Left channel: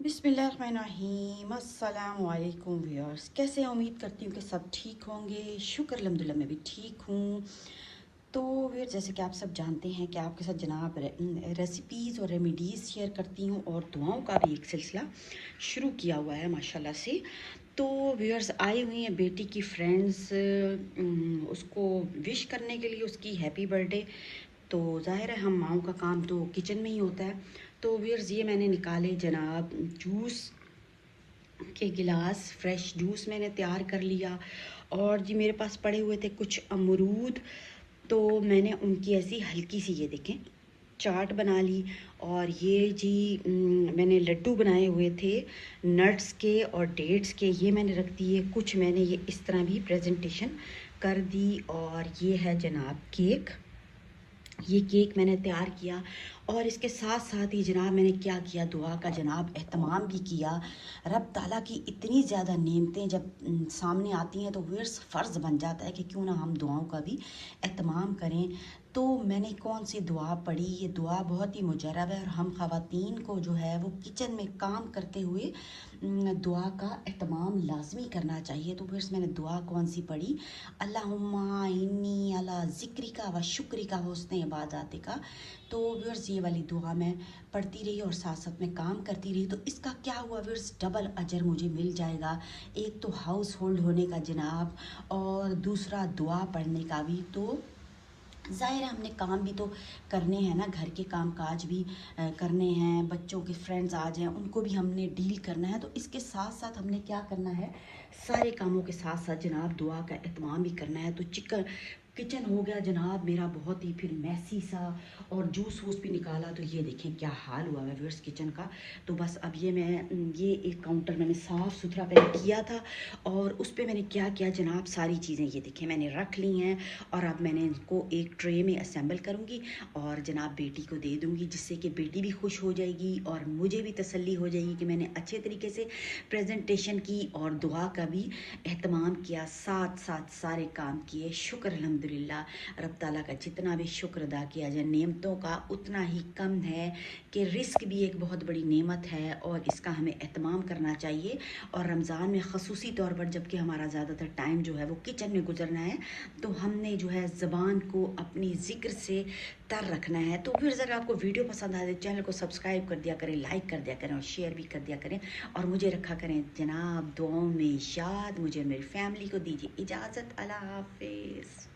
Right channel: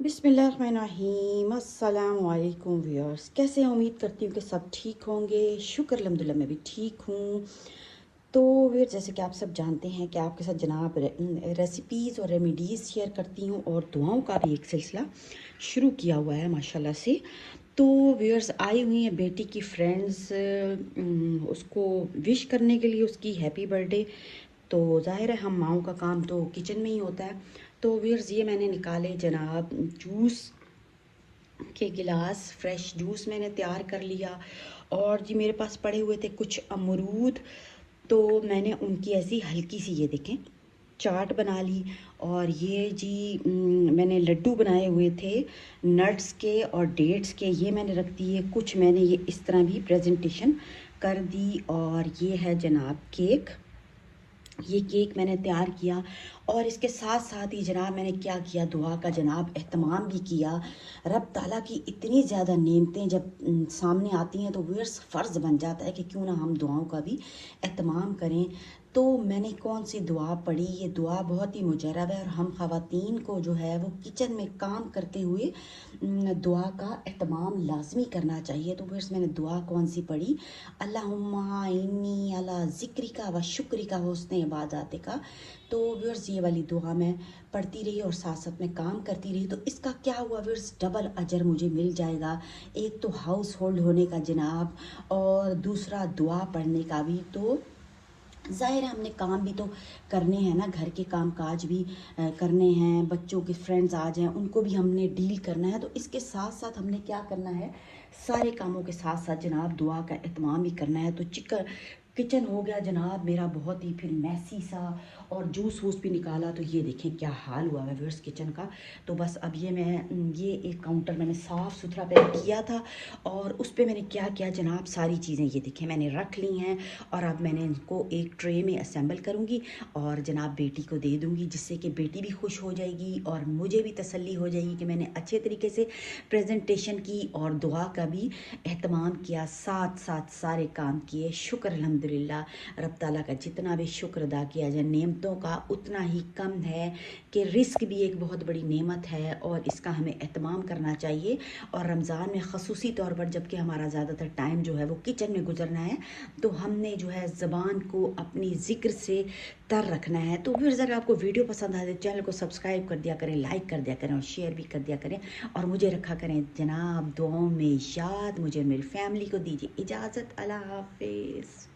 बिस्मिल्लाहिर्रहमानिर्रहीम। अस्सलाम वालेकुम व्यूअर्स, कैसे हैं? उम्मीद करती हूँ कि सब ठीक होंगे। शुक्र अल्हम्दुलिल्लाह मैं भी ठीक हूँ। तो व्यूअर्स, जैसे कि आप सब जानते हैं कि आपके साथ जनाब रेसिपीज़ और रेमेडीज़ शेयर करती हूँ और दुआओं का भी एक सिलसिला शुरू किया हुआ है माशाल्लाह से। तो व्यूअर्स, आई हुई हैं बेटी की फ्रेंड्स उसको विश करने के लिए, उसकी हैप्पी बर्थडे। तो ज़ाहिर है हम माओं का काम तो किचन में ही होता है। तो व्यूअर्स, ये मैंने निकाले जनाब जूस के गिलास, फ्रेश जूस मैंने तैयार कर लिया। और जी मेरे पास पड़े हुए थे कुछ अमरूद, तो मैंने उनकी ऐसी हल्की सी, ये देखें, चाट बना ली। और ये जी मैंने लड्डू बनाए हुए थे नट्स के और डेट्स के, ये मैंने रख दिए। कुछ मैंने ये इस तरह भी प्रेजेंटेशन कर दी। और ये है जनाब केक, ये केक मैंने तैयार किया। और इसके साथ साथ ही जनाब मैंने क्या किया, दुआ का जनाब एहतमाम भी किया। रब ताला की इतनी ज़्यादा नेमतें जब सामने आती हैं तो व्यूअर्स फ़र्ज़ बन जाता है कि क्यों ना हम दुआओं का भी एहतमाम करें। तो मैंने कौन सी दुआ पढ़ी, ये दुआ बहुत ही मुजरब है और हम ख़वातीन को जो है वो किचन में काम करते हुए दुआ का एहतमाम लाजमी करना चाहिए। तो व्यूअर्स, मैंने दुआ कौन सी पढ़ी, अल्लाहुम्मा इन्नी अला ज़िक्रिका व शुक्रिका व हुस्न इबादतिका। तो व्यूअर्स, ये वाली दुआ मैं पढ़ती रही और साथ साथ में काम करती रही। तो इसका क्या हुआ व्यूअर्स, डबल अजर मुझे मिल जाएगा। एक तो हाउस होल्ड होने का जनाब, और दूसरा दुआ पढ़ने का भी। तो ज़ाहिर है हमने काम भी तो करने हैं ना, घर के काम काज भी करने हैं, बच्चों के फ्रेंड्स आ जाएं उनको भी हमने डील करना है। तो इसके साथ साथ हमने क्या करना है, सारे कामों के साथ साथ जनाब दुआ का एहतमाम भी करना है। तो किचन हो गया जनाब मेरा बहुत ही फिर मैसी सा, और जूस वूस भी निकाला। तो ये देखें क्या हाल हुआ है व्यूअर्स किचन का। तो बस अब ये एक काउंटर मैंने साफ़ सुथरा पहले किया था, और उस पर मैंने क्या किया जनाब, सारी चीज़ें ये देखें मैंने रख ली हैं। और अब मैंने इनको एक ट्रे में असेंबल करूँगी और जनाब बेटी को दे दूँगी, जिससे कि बेटी भी खुश हो जाएगी और मुझे भी तसल्ली हो जाएगी कि मैंने अच्छे तरीके से प्रेजेंटेशन की और दुआ का भी एहतमाम किया, साथ साथ सारे काम किए। शुक्र अल्हम्दुलिल्लाह, रब ताला का जितना भी शुक्र अदा किया जाए नेमतों का उतना ही कम है, कि रिस्क भी एक बहुत बड़ी नेमत है और इसका हमें एहतमाम करना चाहिए। और रमज़ान में ख़ुसूसी तौर पर जबकि हमारा ज़्यादातर टाइम जो है वो किचन में गुजरना है, तो हमने जो है ज़बान को अपनी ज़िक्र से तर रखना है। तो फिर अगर आपको वीडियो पसंद आए चैनल को सब्सक्राइब कर दिया करें, लाइक कर दिया करें और शेयर भी कर दिया करें। और मुझे रखा करें जनाब दुआओं में याद। मुझे और मेरी फैमिली को दीजिए इजाज़त। अल्लाह हाफिज़।